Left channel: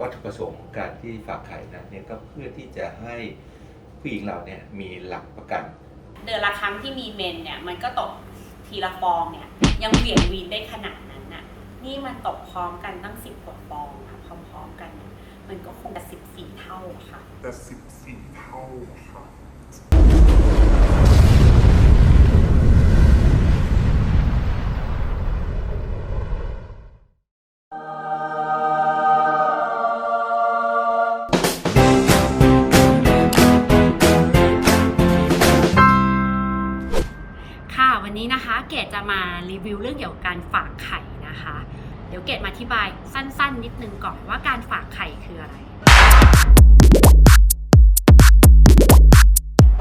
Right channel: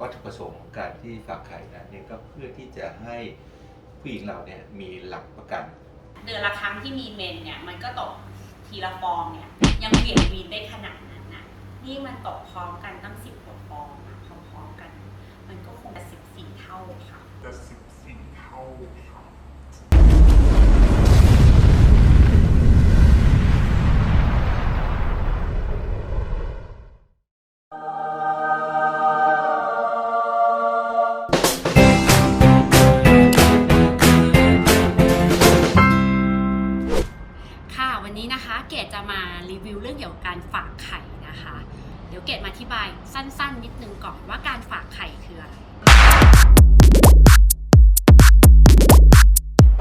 วัตถุประสงค์ของการที่ฝากไข่นั้นเนี่ยก็เพื่อที่จะให้ผู้หญิงเราเนี่ยมีหลักประกัน เดือนละครั้งที่มีเมนเนี่ยมันก็ตกทีละฟองเนี่ยยังเหวี่ยงวีนได้ขนาดนั้นน่ะนี่มันตกพร้อมกันตั้งสิบกว่าฟองอะพร้อมๆกันเนี่ยมันก็คงจะสิบสี่เท่าค่ะ แต่สิบสี่เท่า มารีวิวเรื่องเกี่ยวกับการฝากไข่นะคะ เดี๋ยวเกดมาอธิบายสั้นๆ นิดนึงก่อนว่าการฝากไข่คืออะไร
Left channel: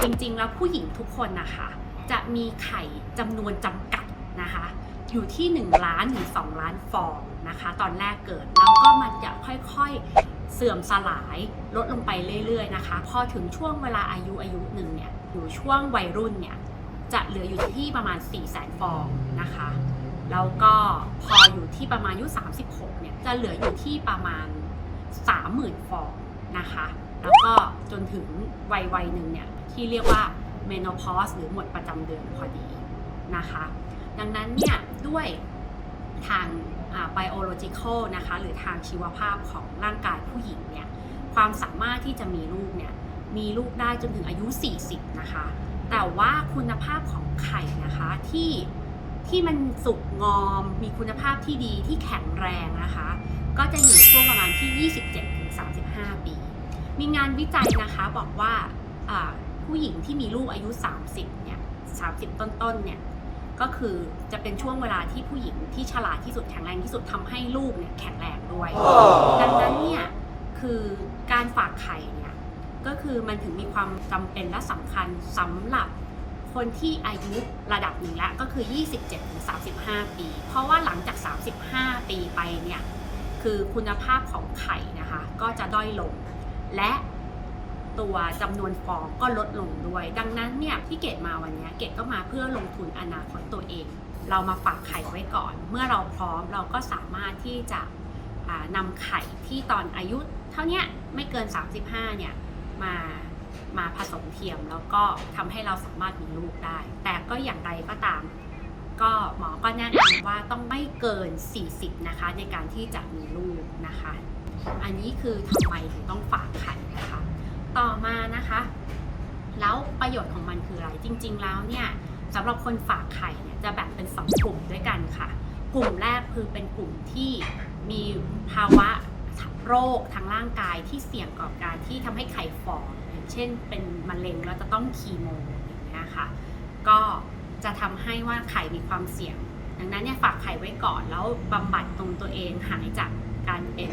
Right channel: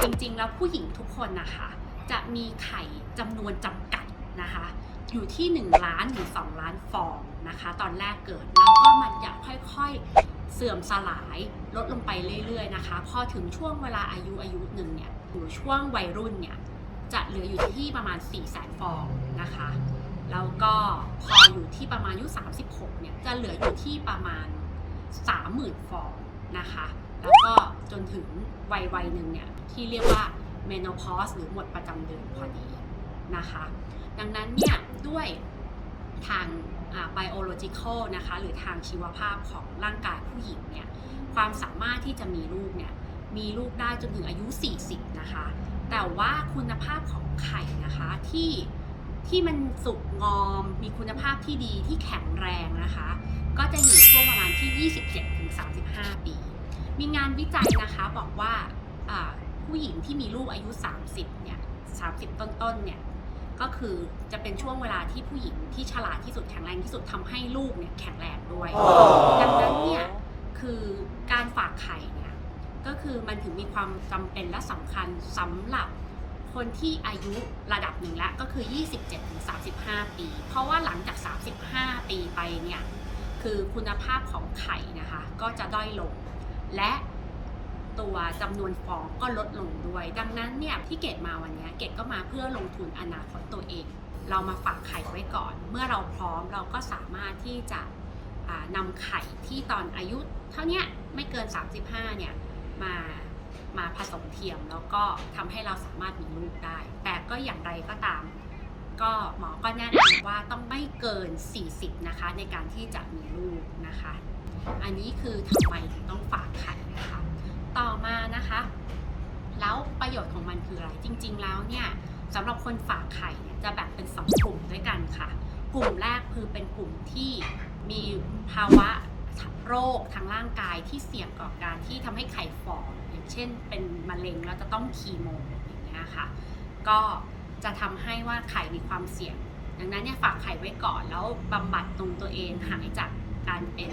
จริงๆ แล้วผู้หญิงทุกคนนะคะ จะมีไข่จำนวนจำกัดนะคะ อยู่ที่ 1 ล้านถึง2ล้านฟองนะคะ ตอนแรกเกิดแล้วก็มันจะค่อยๆเสื่อมสลายลดลงไปเรื่อยๆนะคะ พอถึงช่วงเวลาอายุอายุหนึ่งเนี่ยอยู่ช่วงวัยรุ่นเนี่ย จะเหลืออยู่ที่ประมาณ 4 0 0แสนฟองนะคะ แล้วก็พออยู่ที่ประมาณอายุ 36 เนี่ย จะเหลืออยู่ที่ประมาณ 30,000 ฟองนะคะ แล้วก็จนถึงวัยวัยหนึ่งเนี่ย ที่เรียกว่า menopause หรือหมดประจำเดือนพอดีนะคะ ดังนั้นเนี่ย ด้วยทาง biological นะคะ หรือทางชีวภาพของร่างกายผู้หญิงเนี่ย ความสามารถที่จะมีลูกเนี่ย มีลูกได้จนถึงอายุ 40 นะคะ แต่ว่าคุณภาพของไข่นะคะที่ที่มันสุกงอม มีคุณภาพที่ดีที่แข็งแรงนะคะ ก็จะอยู่ช่วงประมาณที่ 27-35 ปี มีงานวิจัยนะคะบอกว่าอ่าผู้หญิงที่มีลูกอายุ 30 เนี่ย 30 ต้นๆ เนี่ย ก็คือจะเป็นช่วงเวลาที่ผู้หญิงที่ฉลาดที่สุดแข็งแรงที่สุดทำให้ลูกเนี่ยแข็งแรงด้วย ดังนั้นเนี่ย คือการฝากไข่เนี่ย ก็คือมันถึงมีความจำเป็นและสำคัญสำหรับคนที่อายุระดับหนึ่งแล้วก็คือ 27-35 ปี เพราะว่าหลังจาก 35 ปีไปเนี่ยคือคุณภาพของไข่นะคะ ก็จะด้อยลง และตัวจำนวนฟองก็ลดลงด้วย ดังนั้นเนี่ยที่เกดมาวันนี้เกดก็มาเพื่อลงทุนอนาคตตัวเอง เรามาฝากไข่ไว้ก่อน เมื่อเราพร้อมเราก็สามารถที่จะนำไข่ที่ตอนอายุ เท่านี้ไม่เกิน 35เนี่ย มามาผสมเทียมแล้วก็ทำให้เราสามารถมีลูกได้ แต่ก็อย่างไรก็ตาม ก็หมอก็แนะนำว่าต้องไม่เกิน 40 นะคะ ในการที่จะมีลูกนะคะ อันนี้คือทำไมถึงต้องฝากไข่นะคะ ต่อมานะคะ แล้วประโยชน์ของมันคืออะไร จริง ๆ แล้วเนี่ยสำหรับคนฝากไข่เนี่ยจะแบ่งเป็น 2 กลุ่มด้วยกันค่ะ กลุ่มแรกคือเป็นกลุ่มที่มีภาวะ โรคทางร่างกายที่เสี่ยงต่อการที่ทำให้ไข่ฝ่ออย่างเช่น เป็นมะเร็งแล้วจะต้องคีโมอย่างเงี้ยค่ะ ก็จะทำให้ว่าไข่มีความเสี่ยง ดังนั้นเนี่ยฝากไข่ไว้ก่อนแล้วบำบัดตรงตัวเองหายจากการเป็น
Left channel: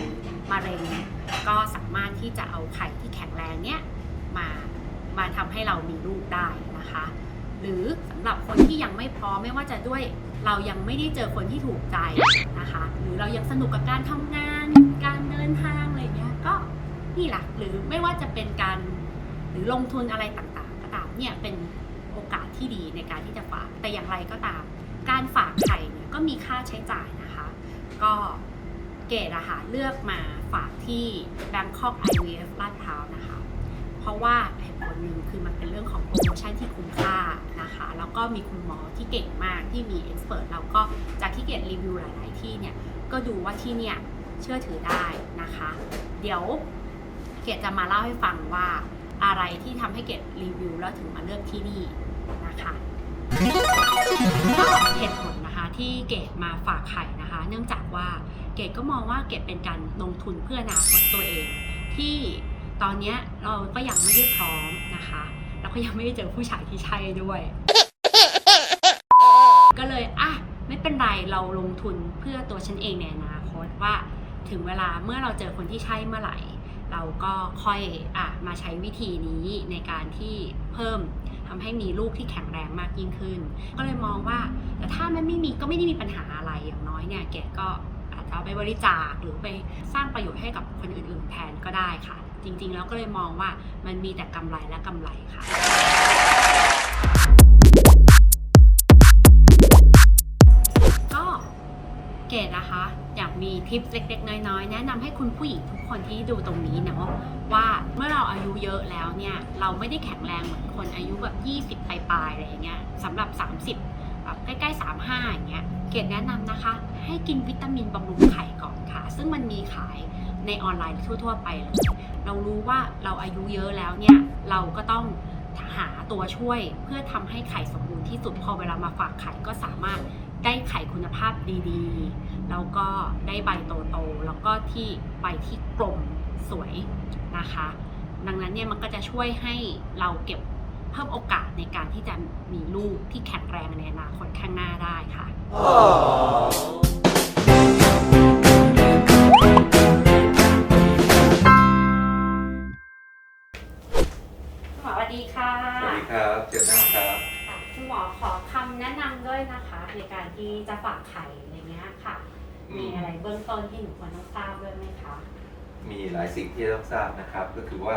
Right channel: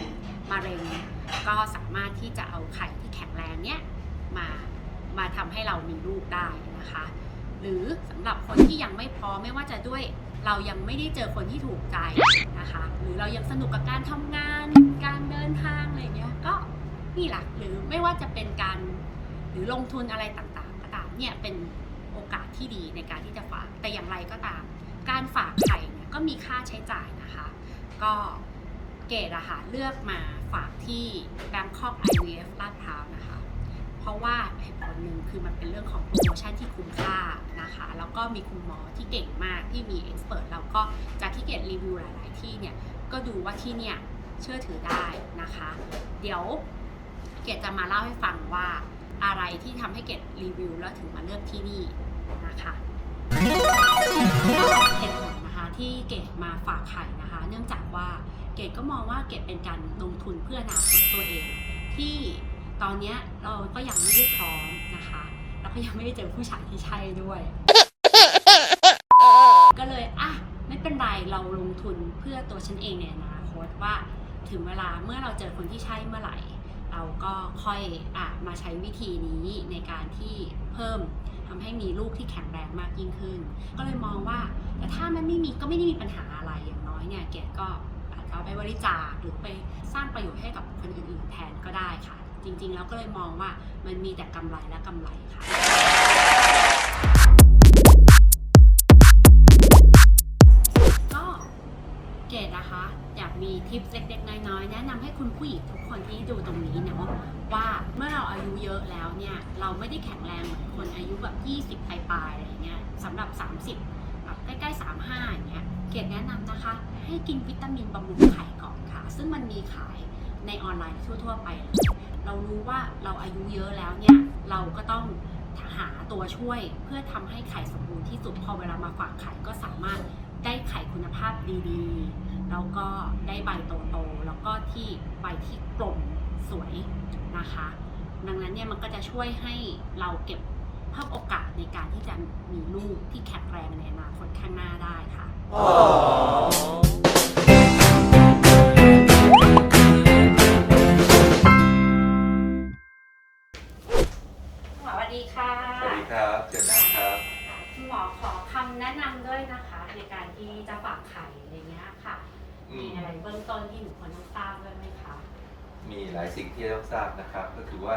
มะเร็ง ก็สามารถที่จะเอาไข่ที่แข็งแรงเนี้ยมามาทำให้เรามีลูกได้นะคะ หรือสำหรับคนที่ยังไม่พร้อมไม่ว่าจะด้วย เรายังไม่ได้เจอคนที่ถูกใจนะคะ หรือเรายังสนุกกับการทำงาน การเดินทางอะไรอย่างเงี้ยก็นี่แหละหรือไม่ว่าจะเป็นการหรือลงทุนอะไรต่างๆ ก็ตามเนี่ยเป็นโอกาสที่ดีในการที่จะฝากแต่อย่างไรก็ตาม การฝากไข่เนี่ยก็มีค่าใช้จ่ายนะคะ ก็เกดอะค่ะเลือกมาฝากที่ Bangkok IVF ลาดพร้าวนะคะ ราะว่าเหตุผลหนึ่งคือมันเป็นเรื่องของโปรโมชั่นที่คุ้มค่านะคะ แล้วก็มีคุณหมอที่เก่งมากที่มีเอ็กซ์เพรสแล้วก็จากที่เกดรีวิวหลาย ๆ ที่เนี่ย ก็ดูว่าที่เนี่ยเชื่อถือได้นะคะ เดี๋ยวเกดจะมาเล่าให้ฟังว่าอะไรที่ทำให้เกดรีวิวแล้วถึงมาเลือกที่นี่นะคะเหตุผลนะคะที่เกดมาฝากไข่นะคะ เนื่องจากว่าเกดก็มองว่าเกดเป็นการลงทุนเพื่ออนาคตตัวเองที่ ตอนเนี้ยเราก็ยังไม่ได้พร้อมนะคะแล้วก็ยังไม่ได้เจอผู้ชายที่ใช่ด้วย ก็เลยอะไม่เป็นไรเราลงทุนเพื่อตัวฉันเองในอนาคตว่าถึงเวลาเมื่อเราเจอคนที่ใช่เมื่อไหร่ เราก็ค่อยอะมาใช้วิธีนี้ในการที่เพิ่มทำให้มีลูกที่แข็งแรงมากยิ่งขึ้น ก็เลยมองว่าแต่ถ้ามันไม่มีก็ไม่ได้มีปัญหาอะไรอย่างน้อยเนี่ยเกดก็อาจจะเอาไปบริจาคหรือไปสร้างประโยชน์ให้กับคนอื่นๆแทนก็ได้ค่ะ จริง ๆ แล้วก็เลยมองว่ามันมีแต่กำไรและกำไรค่ะก็เกดนะคะ อยากมีทิปเล็กๆ น้อยๆ แนะนำให้คุณผู้หญิงทุกคนที่ดูตรงนี้เนาะว่าเมื่อเราอายุเยอะแล้วเนี่ย เราไม่ได้แข็งแรงเหมือนคนอายุแบบ 20 ปลายๆอะไรอย่างเงี้ยสำหรับ 30แบบใกล้ๆ 35อย่างเงี้ยเกดแนะนำนะคะ ให้กินวิตามินบำรุงไข่ก่อนค่ะ ซึ่งมันมีขาย ในออนไลน์ทั่ว ๆ ไปเลยเรารู้ว่าเราอายุเยอะแล้วเนี่ยเราก็ต้องหาตัวช่วยเพื่อทำให้ไข่สมบูรณ์ที่สุดพอเวลามาฝากไข่ก็สามารถได้ไข่คุณภาพดีๆ แล้วก็ได้ใบโตๆแล้วก็ที่ใบที่กลมสวยนะคะ ดังนั้นเนี่ยมันก็จะช่วยให้เราเก็บเพิ่มโอกาสในการที่จะมีลูกที่แข็งแรงในอนาคตข้างหน้าได้ค่ะ ที่จะฝากไข่อะไรเงี้ยค่ะ อืมีมอะไรเบื้องต้นที่หนูควรต้องทราบด้วยไหมคะ มีหลายสิ่งที่ต้องทราบนะครับ ก็คือว่า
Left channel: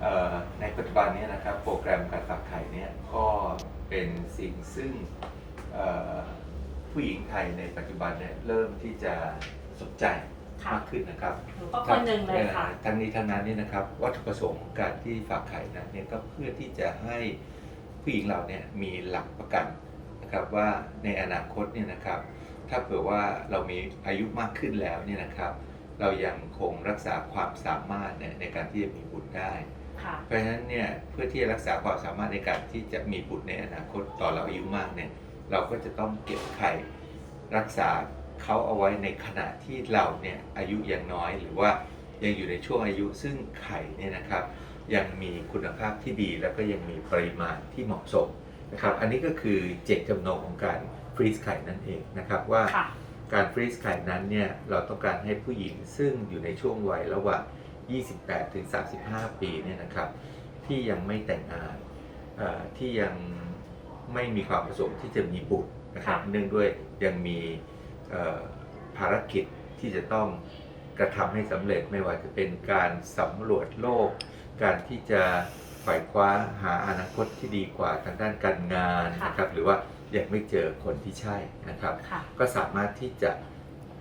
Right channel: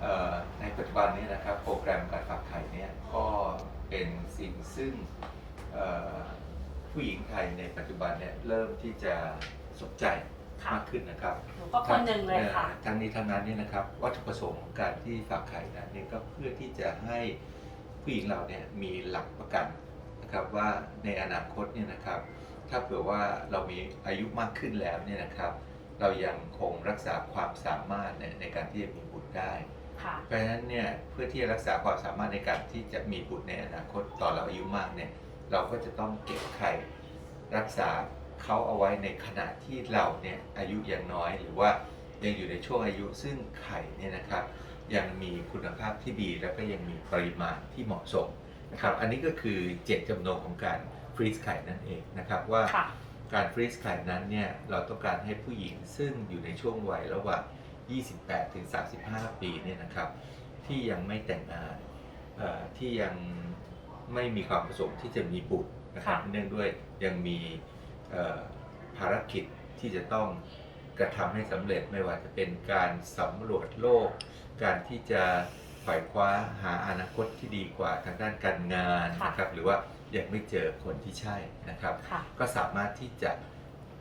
เอ่อในปัจจุบันเนี้นะครับโปรแกรมการฝากไข่เนี่ยก็เป็นสิ่งซึ่งเอ่อผู้หญิงไทยในปัจจุบันเนี่ยเริ่มที่จะสนใจค่ะ มากขึ้นนะครับหนูก็คนหนึ่งเลยค่ะ อ่อทั้งนี้ทั้งนั้นนี่นะครับวัตถุประสงค์ของการที่ฝากไข่นั้นเนี่ยก็เพื่อที่จะให้ผู้หญิงเราเนี่ยมีหลักประกัน นะครับว่าในอนาคตเนี่ยนะครับ ถ้าเผื่อว่าเรามีอายุมากขึ้นแล้วเนี่ยนะครับ เรายังคงรักษาความสามารถเนี่ยในการที่จะมีบุตรได้ ค่ะ เพราะฉะนั้นเนี่ยเพื่อที่จะรักษาความสามารถในการที่จะมีบุตรในอนาคตตอนเราอายุมากเนี่ยเราก็จะต้องเก็บไข่รักษาเขาเอาไว้ในขณะที่เราเนี่ยอายุยังน้อยหรือว่ายังอยู่ในช่วงอายุซึ่งไข่เนี่ยนะครับ ยังมีคุณภาพที่ดีแล้วก็ยังมีปริมาณที่เหมาะสม นะครับอันนี้ก็คือเจตจำนงของการฟรีซไข่นั่นเองนะครับว่าค่ะการฟรีซไข่นั้นเนี่ยเราต้องการให้ผู้หญิงซึ่งอยู่ในช่วงวัยระหว่าง 28 ถึง 35 ปีเนี่ยนะครับที่ยังไม่แต่งงานเอ่อที่ยังไม่มีความประสงค์ที่จะมีบุตรนะครับค่ะเนื่องด้วยยังมีเอ่อภารกิจที่จะต้องกระทำให้สำเร็จไม่ว่าจะเป็นการสำรวจโลก การที่จะ ไขว่คว้าหาอนาคตที่ดีกว่าทางด้านการงานค่ะนะครับ หรือว่ายังไม่เจอคนที่ใช่นะครับค่ะก็สามารถที่จะ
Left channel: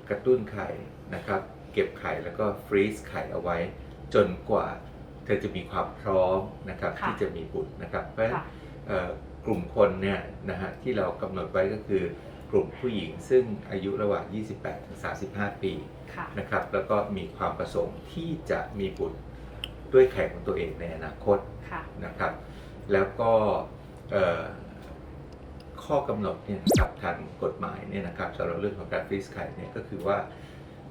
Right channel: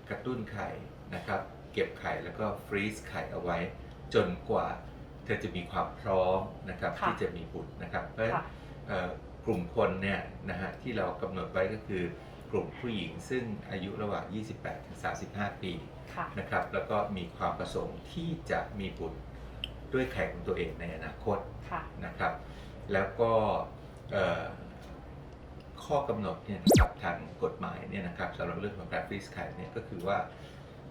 กระตุ้นไข่นะครับ เก็บไข่แล้วก็ฟรีซไข่เอาไว้ จนกว่าเธอจะมีความพร้อมนะครับค่ะที่จะมีบุตรนะครับ เพราะฉะนั้นค่ะเอ่อกลุ่มคนเนี่ยนะฮะที่เรากำหนดไว้ก็คือกลุ่มผู้หญิงซึ่งอายุระหว่าง 28ถึง35 ปีค่ะนะครับ แล้วก็มีความประสงค์ที่จะมีบุตร ด้วยไข่ของตัวเองในอนาคตค่ะนะครับ แล้วก็เอ่อข้อกำหนดเนี่ยนะครับทางกฎหมายเนี่ยนะครับสำหรับเรื่องของการฟรีซไข่เนี่ยก็คือว่า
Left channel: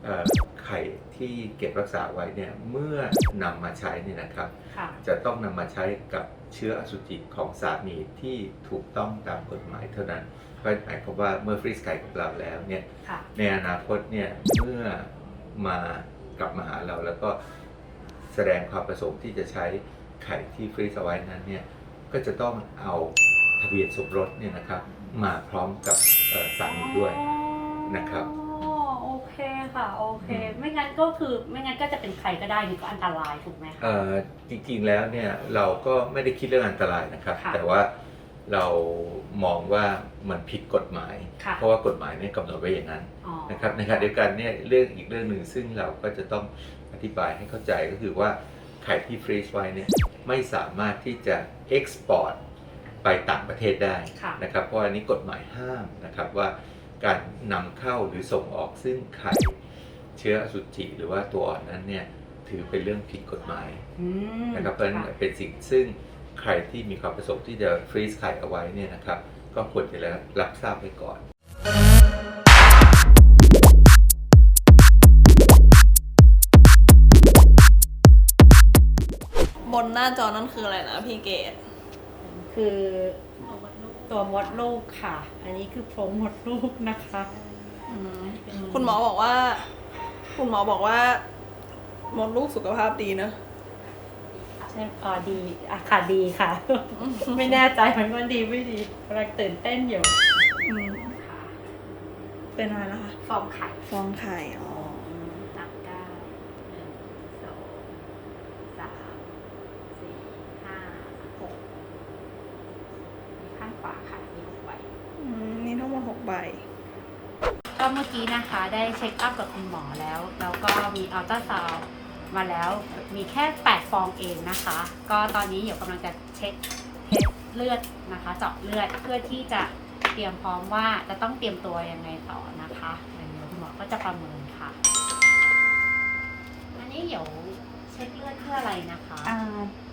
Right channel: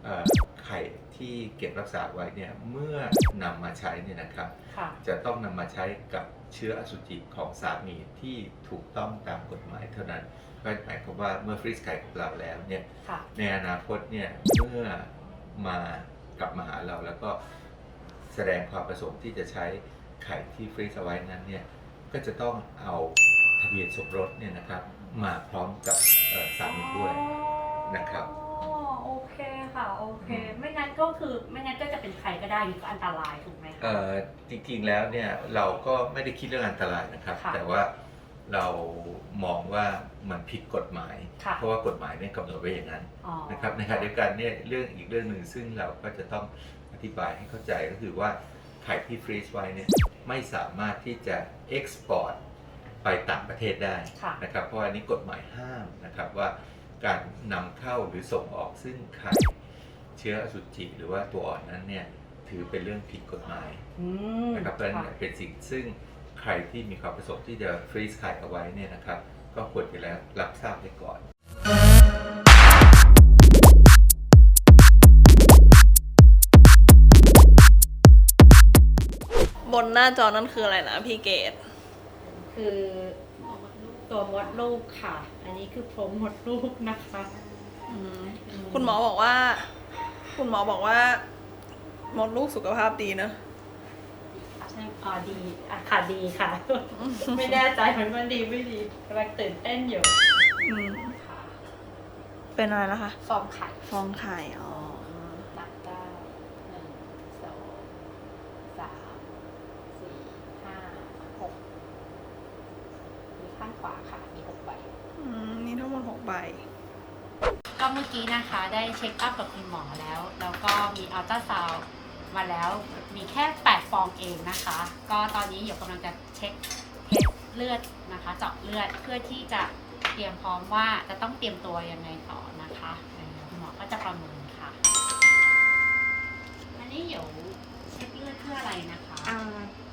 เอ่อไข่ที่เก็บรักษาไว้เนี่ยเมื่อนำมาใช้เนี่ยนะครับค่ะจะต้องนำมาใช้กับเชื้ออสุจิของสามีที่ถูกต้องตามกฎหมายเท่านั้นก็หมายความว่าเมื่อฟรีซไข่กับเราแล้วเนี่ยค่ะในอนาคตเนี่ยเมื่อมากลับมาหาเราแล้วก็ แสดงความประสงค์ที่จะใช้ไข่ที่ฟรีซเอาไว้นั้นเนี่ยก็จะต้องเอาทะเบียนสมรสเนี่ยนะครับมาพร้อมกับเอ่อสามีด้วยนะครับอ๋อโอเคค่ะโอเคไม่งั้นก็คือไม่งั้นก็จะเป็นใครก็ได้นี่ก็อันตรายถูกไหมคะเอ่อจริงๆแล้วเนี่ยเราก็ไม่ได้คิดเรื่องอันตรายนะครับค่ะแต่ว่าเรามองว่ามันผิดกฎหมายค่ะเพราะว่ากฎหมายเนี่ยกำหนดไว้อย่างนั้นอ๋อนะครับในขณะเดียวกันเนี่ยเรื่องอีกเรื่องหนึ่งซึ่งเราก็จะต้องอ ธิบายให้เข้าใจก็คือว่าไข่ที่ฟรีซไว้เนี่ยไม่สามารถที่จะเอ็กซ์พอร์ตไปต่างประเทศได้ค่ะนะครับ เพราะอันนี้กฎหมายห้ามนะครับว่าการนำเข้าหรือส่งออกซึ่งไข่เชื้ออสุจิหรือว่าตัวอ่อนนั้นเนี่ยถือเป็นเรื่องผิดกฎหมายอืมนะครับเพราะฉะนั้นเป็นสิ่งซึ่งใครที่มีความประสงค์ที่จะฟรีซไข่เอาไว้เนี่ยนะครับ ก็ควรจะรับทราบไว้ก่อน บนหน้าจอนั่นคืออะไรนะพี่เกดคือตัวมดลูกค่ะ อันนี้คือโพรงมดลูกนะคะอืมคุณหมอบอกว่า คุณหมอบอกว่า มดลูกสุขภาพดีนะ ใช่พอดีอะค่ะดีค่ะ ไม่แน่ใจมันว่าดีไม่ดีกำลังตื่นเต้นอยู่ อืมเป็นอะไรนะคะ ฟองไข่ ฟองไข่ อ๋อ นับเก้าหนึ่งสองสามสี่ห้าหก ข้างขวาค่ะมีหกใบอืมนี่ทั้งหมดหกใบก็เมื่อกี้นะคะได้เช็คอัพกับคุณหมอแล้ว แล้วก็มีอัลตราซาวมาแล้วมีแค่ 8 ฟองเองนะคะ ก็ตอนนี้เดี๋ยวกำลังจะเช็คเทสเลือดนะคะ เจาะเลือดเพื่อที่จะเตรียมพร้อมว่าจะต้องเตรียมตัวยังไงต่อนะคะเดี๋ยวคุณหมอก็จะประเมินค่ะ อันนี้เดี๋ยวเช็คเลือดเพื่ออะไรนะคะอ่า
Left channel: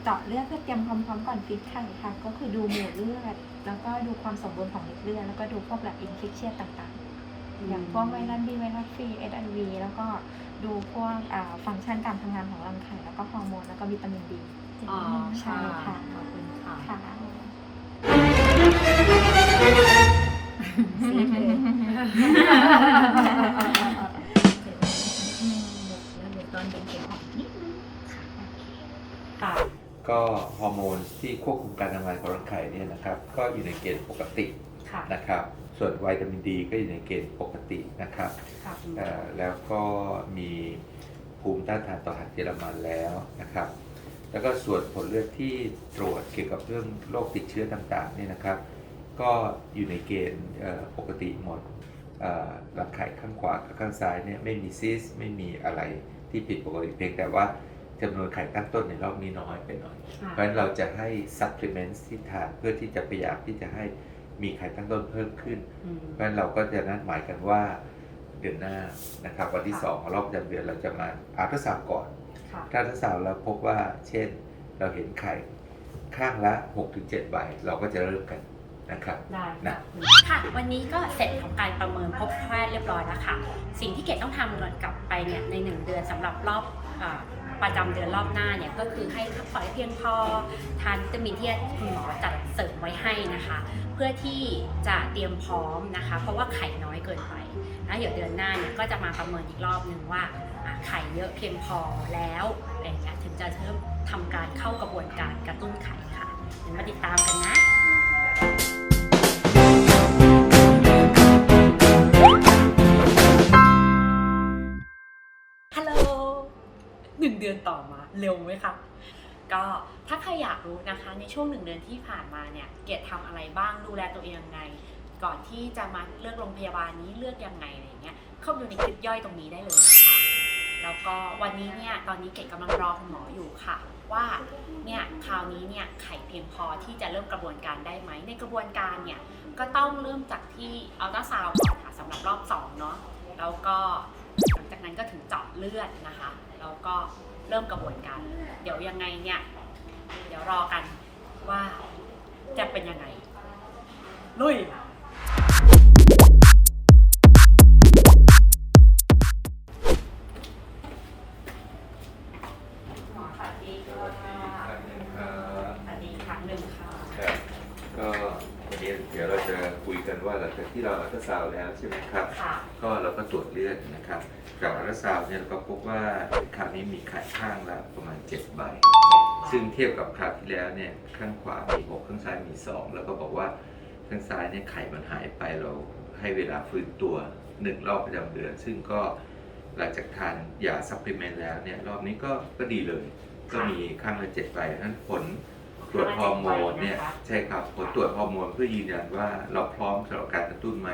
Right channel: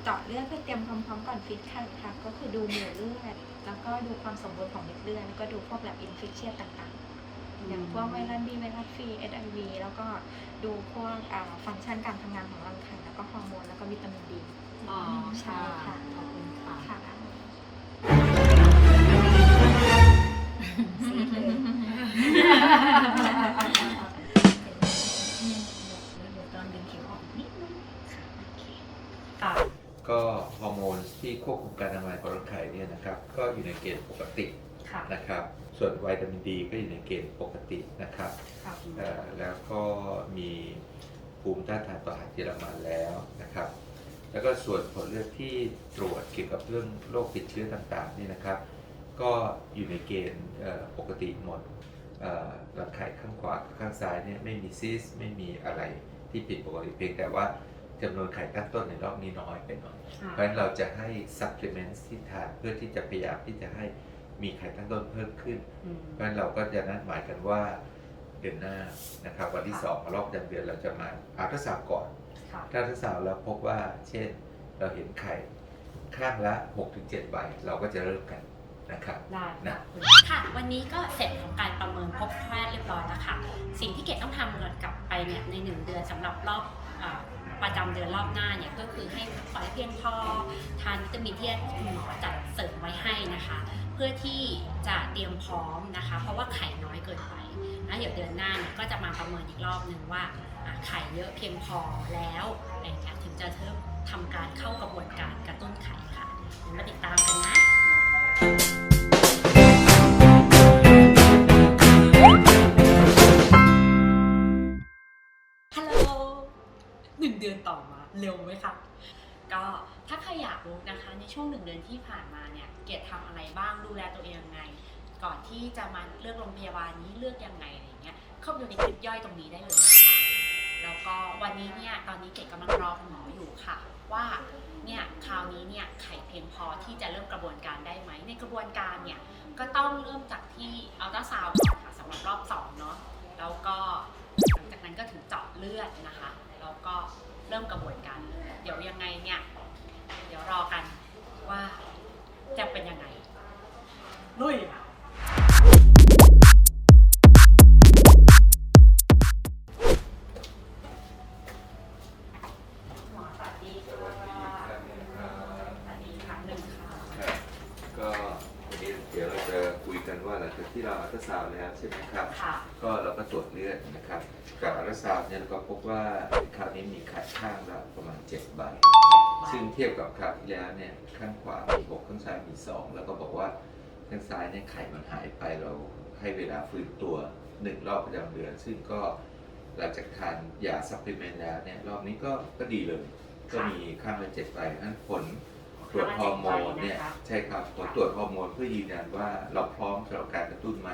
เจาะเลือดเพื่อเตรียมความพร้อมก่อนฟิตไข่ค่ะก็คือดูหมู่เลือด แล้วก็ดูความสมบูรณ์ของเม็ดเลือดแล้วก็ดูพวกแบบอินฟิคเชียต่างๆ อย่างพวกไวรัสบีไวรัสฟรีเอสไอวีแล้วก็ดูพวกอ่าฟังก์ชันการทำงานของรังไข่แล้วก็ฮอร์โมนแล้วก็วิตามินบีอ๋อใช่ค่ะค่ะขอบคุณค่ะค่ะตอนเป็นเข็มอ่อนนิดนึงค่ะโอเคค่ะ ก็ฮอร์โมนที่ควบคุมการทำงานของรังไข่เนี่ยนะครับก็อยู่ในเกณฑ์ปกติค่ะ นะครับ ส่วนวิตามินดีก็อยู่ในเกณฑ์ปกตินะครับค่ะคุณหมอ เอ่อแล้วก็มีภูมิต้านทานต่อหัดเยอรมันแล้วนะครับ แล้วก็ส่วนผลเลือดที่ตรวจเกี่ยวกับเรื่องโรคติดเชื้อต่างๆเนี่ยนะครับ ก็อยู่ในเกณฑ์เอ่อปกติหมดเอ่อรังไข่ข้างขวากับข้างซ้ายเนี่ยไม่มีซิสไม่มีอะไรที่ผิดปกติเพียงแต่ว่า จำนวนไข่ตั้งต้นในรอบนี้น้อยไปหน่อยค่ะเพราะฉะนั้นเราจะให้ supplements ที่ทานเพื่อที่จะพยายามที่จะให้มีไข่ตั้งต้นเพิ่มขึ้นอืมเพราะฉะนั้นเราก็จะนัดหมายกันว่าเดือนหน้านะครับวันที่ค่ะสองของรอบประจำเดือนเราจะมาอัลตราซาวด์ก่อนค่ะถ้าอัลตราซาวด์เราพบว่าเช่นเราเห็นไข่ข้างละ 6-7ใบเราก็จะเริ่มกันนะครับได้นะค่ะค่ะ วันนี้ก็เสร็จของการประเมินพบแพทย์เรียบร้อยแล้วค่ะ สิ่งที่เกดต้องทำก่อนกลับไปเนี่ยในหนึ่งเดือนสำหรับรอบอา ประจำเดือนรอบหน้าเนี่ยก็คือให้พักผ่อนให้เพียงพอทานวิตามินที่คุณหมอจัดเสริมไว้ให้นะคะ เพื่อที่จะเตรียมพร้อมนะคะ เพราะว่าไข่น้อยเกินไปนะเดี๋ยวเดือนหน้าเนี่ยก็จะมาประเมินอีกรอบหนึ่งว่าอะไข่เยอะเพียงพอแล้วอะไรอย่างเงี้ยถึงจะเริ่มทำการเข้ากระบวนการกระตุ้นไข่ค่ะเดี๋ยวมาติดตามกันนะึ่งเดือนต่อมาเร็วไหมคะก็ถ้าใครอยากรู้นะคะ ในช่วงหนึ่งเดือนที่ผ่านมาเนี่ยเกียรติทำอะไรบ้างดูแลตัวเองยังไง ก่อนที่จะมาเลือกโรงพยาบาลนี้เลือกยังไงอะไรเงี้ยเข้าไปดูในคลิปย่อยตรงนี้ได้เลยนะคะแล้วก็วันนี้เนี่ยตอนนี้เกดกำลังรอคุณหมออยู่ค่ะ ว่าเนี่ยคราวนี้เนี่ยไข่เพียงพอที่จะเริ่มกระบวนการได้ไหมในกระบวนการเนี่ยก็ต้องเริ่มจากที่อัลตราซาวด์ก่อนค่ะสำหรับรอบ2เนาะแล้วก็หลังจากนั้นก็ถึงเจาะเลือดนะคะ แล้วก็เริ่มกระบวนการเลยเดี๋ยวยังไงเนี่ย เดี๋ยวรอกันว่าจะเป็นยังไง ลุย ว่าหลังจากที่เราอัลตราซาวด์แล้วใช่ไหมครับ ค่ะ ก็เราก็ตรวจเลือดนะครับจากอัลตราซาวด์เนี่ยเราก็พบว่าคราวนี้มีไข่ข้างละประมาณ 7 ใบ ซึ่งเทียบกับคราวที่แล้วเนี่ยข้างขวามี6ข้างซ้ายมี2แล้วก็บอกว่าข้างซ้ายเนี่ยไข่มันหายไปเราให้เวลาฟื้นตัวหนึ่งรอบประจำเดือน ซึ่งก็หลังจากทานยาซัพพลีเมนต์แล้วเนี่ยรอบนี้ก็ก็ดีเลย ก็มีข้างละ7ใบนั้นผล ตรวจฮอร์โมนเนี่ยใช่ครับผลตรวจฮอร์โมนเพื่อยืนยันว่าเราพร้อมสำหรับการกระตุ้นไหม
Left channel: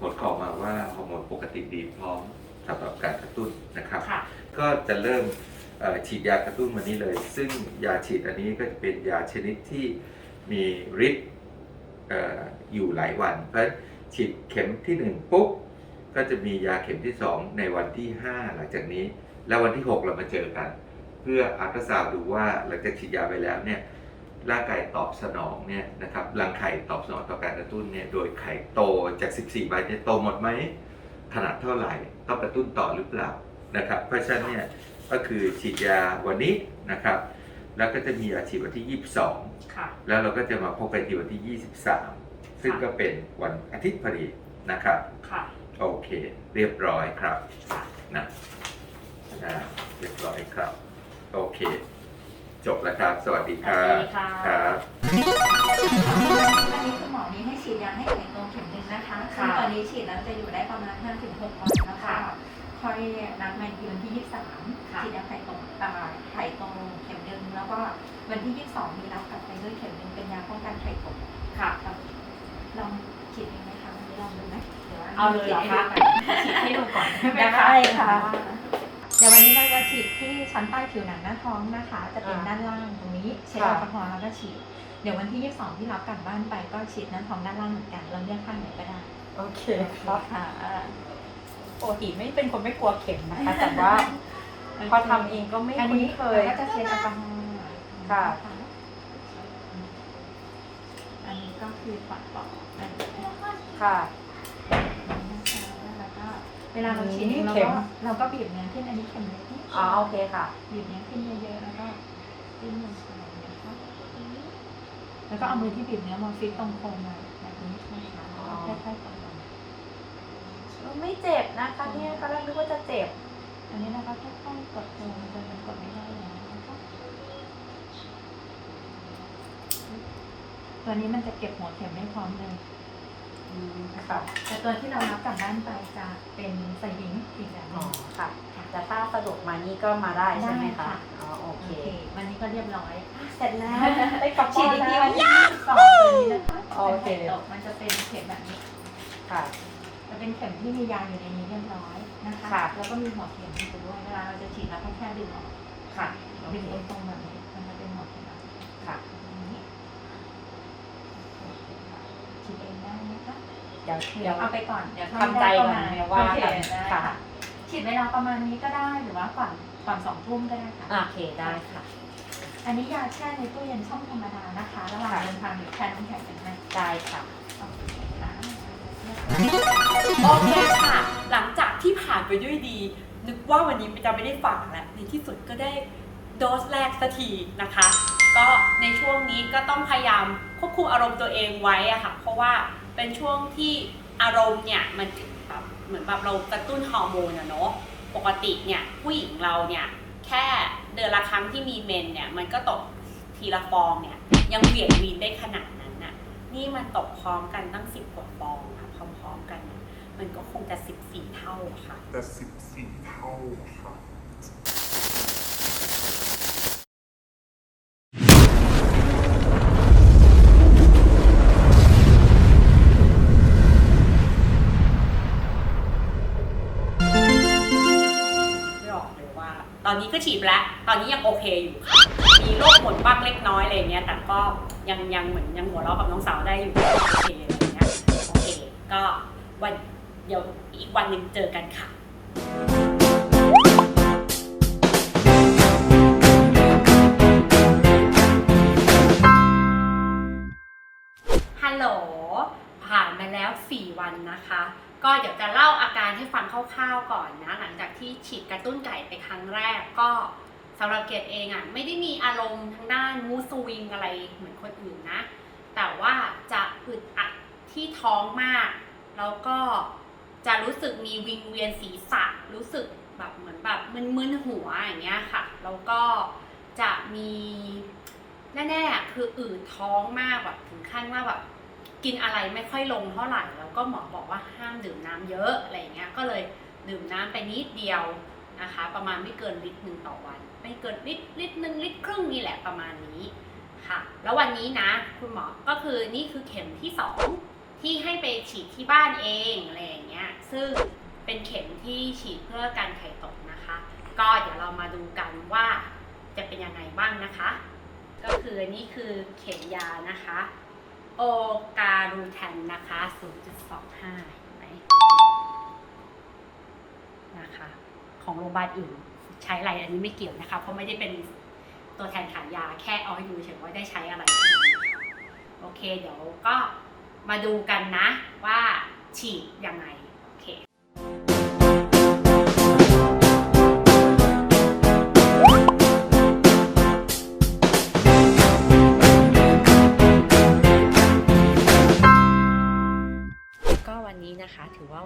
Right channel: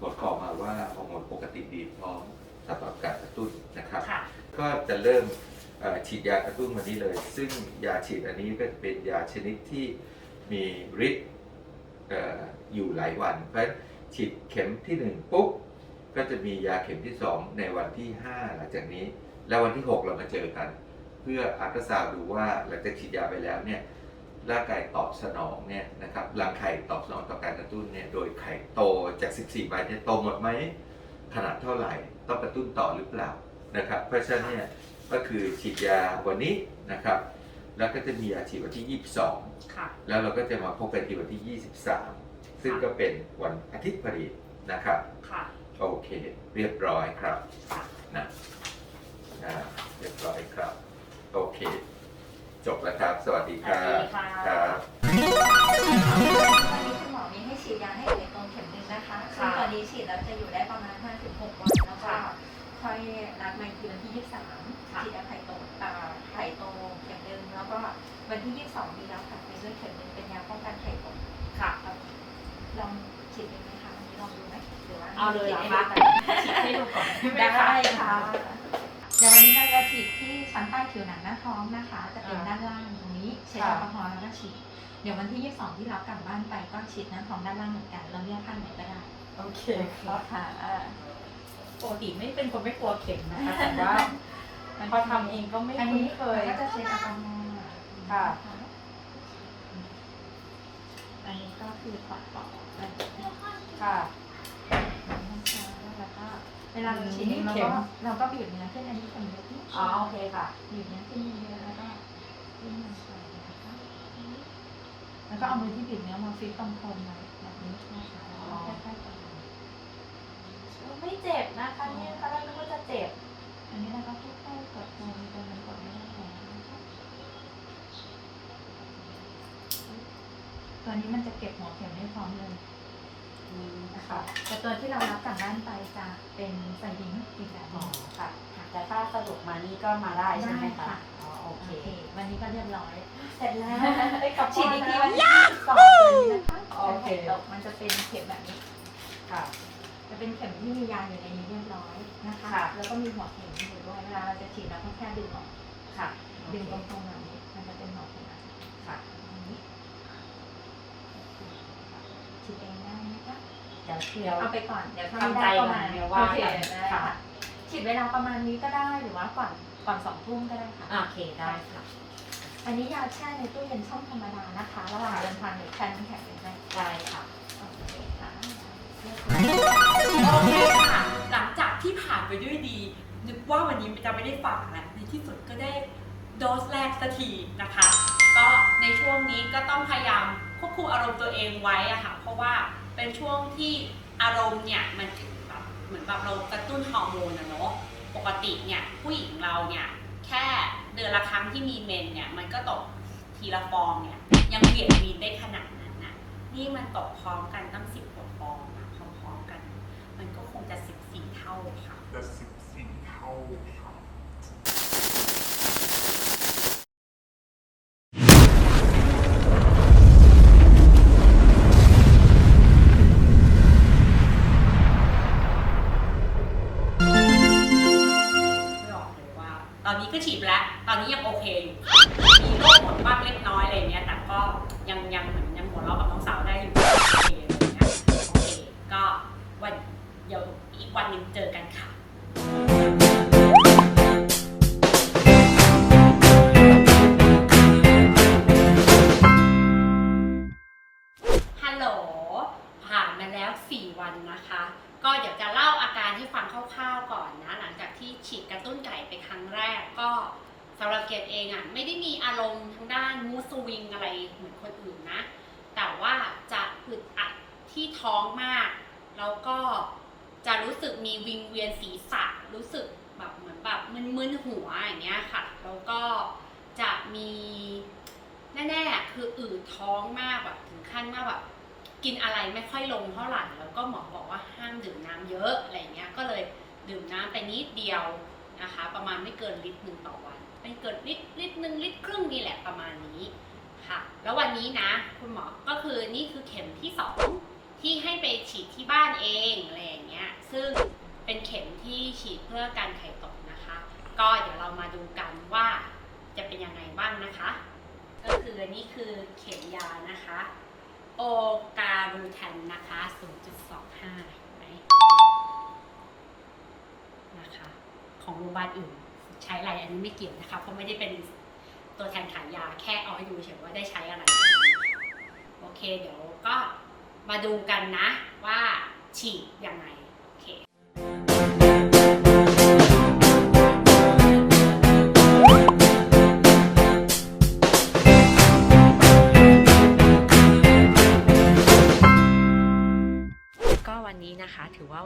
ผลก็ออกมาว่าฮอร์โมนปกติดีพร้อมสำหรับการกระตุ้นนะครับค่ะก็จะเริ่มเอ่อฉีดยากระตุ้นวันนี้เลย ซึ่งยาฉีดอันนี้ก็จะเป็นยาชนิดที่มีฤทธิ์เอ่ออยู่หลายวัน เพราะฉะนั้นฉีดเข็มที่ 1 ปุ๊บ ก็จะมียาเข็มที่ 2 ในวันที่ 5 หลังจากนี้ แล้ววันที่ 6 เรามาเจอกัน เพื่ออัลตราซาวด์ดูว่าหลังจากฉีดยาไปแล้วเนี่ย ร่างกายตอบสนองเนี่ยนะครับรังไข่ตอบสนองต่อการกระตุ้นเนี่ยโดยไข่โตจาก 14 ใบเนี่ยโตหมดไหมขนาดเท่าไหร่ต้องกระตุ้นต่อหรือเปล่านะครับเพราะฉะนั้นเนี่ยก็คือฉีดยาวันนี้นะครับ แล้วก็จะมียาฉีดวันที่22ค่ะแล้วเราก็จะมาพบกันที่วันที่ 23 ซึ่งก็เป็นวันอาทิตย์พอดีนะครับ ค่ะโอเค เรียบร้อยครับค่ะ นะอ่าเรียบร้อยครับ โอเค จบแล้วครับ สวัสดีครับสวัสดีค่ะ ครับวันนี้คุณหมอมีให้ฉีดยาให้ไข่โตเข็มหนึ่งนะคะซึ่งตอนนี้ฉีดแล้วจะอยู่ได้ประมาณ 5-6 วันแล้วก็ค่อยนัดมาอีกทีวันที่ 23ฉีดยาไข่โตอ่าไข่โตเข็มหนึ่งแล้วก็วันที่ 22 มีรับกลับไปด้วยเข็มหนึ่งเป็นยาป้องกันไข่ตกค่ะลองฉีดเองไหมคะไลองดูไหมหรือว่าเอาเลยเหรอคะ ฉีดให้ดูก่อนได้ไหมได้คะค่ะ เดี๋ยววันนี้เราจะฉีดที่ชั้นใต้ผิวหนังหน้าท้องนะคะ จะเป็นด้านล่างตรงนี้ใช้แอลกอฮอล์แล้วก็ฉีด เดี๋ยววันที่ 22 ที่รับกลับบ้านไปก็ฉีดหน้าท้องด้านล่างเหมือนกัน เราเลือกข้างไหนก็ได้ โอเคค่ะปกติไม่เป็นคนไม่กลัวเข็มนะคะแต่ว่าพอทำเองก็ไม่อันคุ้นนี้เคยเราก็จะเช็ดแอลกอฮอล์ค่ะนอันนี้ก็คือปัดต่ออันนี้นะคะค่ะแล้วก็ เวลาเราฉีดอืมเราเข็ก็มเราก็บีบเนื้อขึ้นอันนี้เข็มเล็กนิดอ๋อโอเคค่ะ บีบเนื้อขึ้นเยอะๆแล้วก็ขึ้นลงไปนะคะแล้วก็เอามือที่บีบเนื้อมาฟิกตรงโคนไว้แบบนี้นะคะแล้วก็ค่อยๆกดลงไม่เจ็บนะคะเนี่ยตอนแรกนึกว่าจะเจ็บ อันนี้เราก็ค่อยๆกดลงจนมันกดไม่ได้แล้วนะคะตัวนี้มันจะเก็บหัวเข็มได้พร้อมเลย ค่ะแต่ตัวที่เรารับกลับบ้านไปจะเป็นใส่หินอีกแบบหอ๋นึองค่ะ แต่ถ้าสะดวกมานี่ก็มาได้ใช่ไหมได้คะค่ะ อ๋อโอโอเค เค วันนี้ก็เรียบร้อย เสร็จแล้วได้กลับฉีดอีกทีบ้าวันนแล้วที่สองตัวนี้นะคะโอเคเป็นไข่ตกมันจะเป็นเข็มแบบนี้ ค่ะ จะเป็นเข็มที่มียาอยู่ในนี้เรียบร้อยนะคะ ค่ะ แล้วก็มีหัวเข็มอยู่ด้วยเวลาเราจะฉีดเราก็แค่ดึงออกค่ะโอดึงเคตรงๆแบบนี้มันจะเป็นหัวเข็มแบบนี้ ค่ะ อย่างนี้ฉีดเองได้นะคะ เดี๋ยวเดี๋ยวเอาไปก่อนเดี๋ยวทำใจได้ประมาณก่อนไงว่าโอเคกันได้ค่ะค่ะฉีดเวลาประมาณนี้ก็ได้หรือว่าก่อนก่อนสองทุ่มก็ได้ค่ะโอเคได้ค่ะ อันนี้ยาแช่ในตู้เย็นช่องธรรมดานะคะระหว่างเดินทางหรือแช่น้ำแข็งเป็นให้ได้ค่ะโอเคค่ะเรียบร้อยโอเคค่ะ หลังจากที่ผ่านไปด้วยดี นึกว่าวันนี้จะไม่ได้ฝากแล้วในที่สุดก็ได้โดสแรกสักทีนะคะ ก็ในช่วงนี้ก็ต้องพยายามควบคุมอารมณ์ตัวเองไว้อะค่ะ เพราะว่า เป็นช่วงที่อารมณ์เนี่ยมันแบบเหมือนแบบเรากระตุ้นฮอร์โมนอะเนาะปกติเนี่ยผู้หญิงเราเนี่ยแค่เดือนละครั้งที่มีเมนเนี่ยมันก็ตกทีละฟองเนี่ยยังเหวี่ยงวีนได้ขนาดนั้นน่ะนี่มันตกพร้อมกันตั้งสิบกว่าฟองอะพร้อมๆกัน มันก็คงจะสิบสี่เท่าค่ะแต่สิบสี่เท่าค่ะ อนนี้ก็ฉีดแล้ว ตอนนี้ยังโอเคอยู่ มีโรคหมดบ้างเล็กน้อยอะไรอย่างเงี้ย แต่ก็ยังยังเหมือนยังหัวเราะกับน้องสาวได้อยู่ โอเคอะไรเงี้ยโอเค ก็วันเดี๋ยวอีกวันหนึ่งเจอกันค่ะฮัลโหลผ่านมาแล้ว 4 วันนะคะ ก็เดี๋ยวจะเล่าอาการให้ฟังคร่าวๆก่อนนะ หลังจากที่ฉีดกระตุ้นไก่ไปครั้งแรกก็สำหรับเกดเองอะ่ะไม่ได้มีอารมณ์ทางด้านมูสวิงอะไรเหมือนคนอื่นนะ แต่ว่าจะอึดอัดที่ท้องมาก แล้วก็จะรู้สึกมีวิงเวียนศีรษะรู้สึกแบบเหมือนแบบมึนๆหัวอย่างเงี้ยค่ะ แล้วก็จะมีแน่ๆคืออืดท้องมากแบบถึงขั้นว่าแบบ กินอะไรไม่ค่อยลงเท่าไหร่แล้วก็หมอบอกว่าห้ามดื่มน้ำเยอะอะไรเงี้ยก็เลยดื่มน้ำไปนิดเดียวนะคะ ประมาณไม่เกินลิตรหนึ่งต่อวัน ไม่เกินลิตรลิตรหนึ่งลิตรครึ่งนี่แหละประมาณนี้ค่ะ แล้ววันนี้นะ คุณหมอก็คือนี่คือเข็มที่สองที่ให้ไปฉีดที่บ้านเองอะไรอย่างเงี้ยซึ่งเป็นเข็มที่ฉีดเพื่อการไข่ตกนะคะ ก็เดี๋ยวเรามาดูกันว่าจะเป็นยังไงบ้างนะคะ ก็คือนนี้คือเข็มยานะคะ โอการูแทนนะคะ 0.25 เห็นไหมนะคะ ของโรงพยาบาลอื่น ใช้อะไรอันนี้ไม่เกี่ยวนะคะ เพราะไม่ได้เป็นตัวแทนขายยาแค่เอาให้ดูเฉยว่าได้ใช้อะไร โอเคเดี๋ยวก็มาดูกันนะว่าฉีดยังไง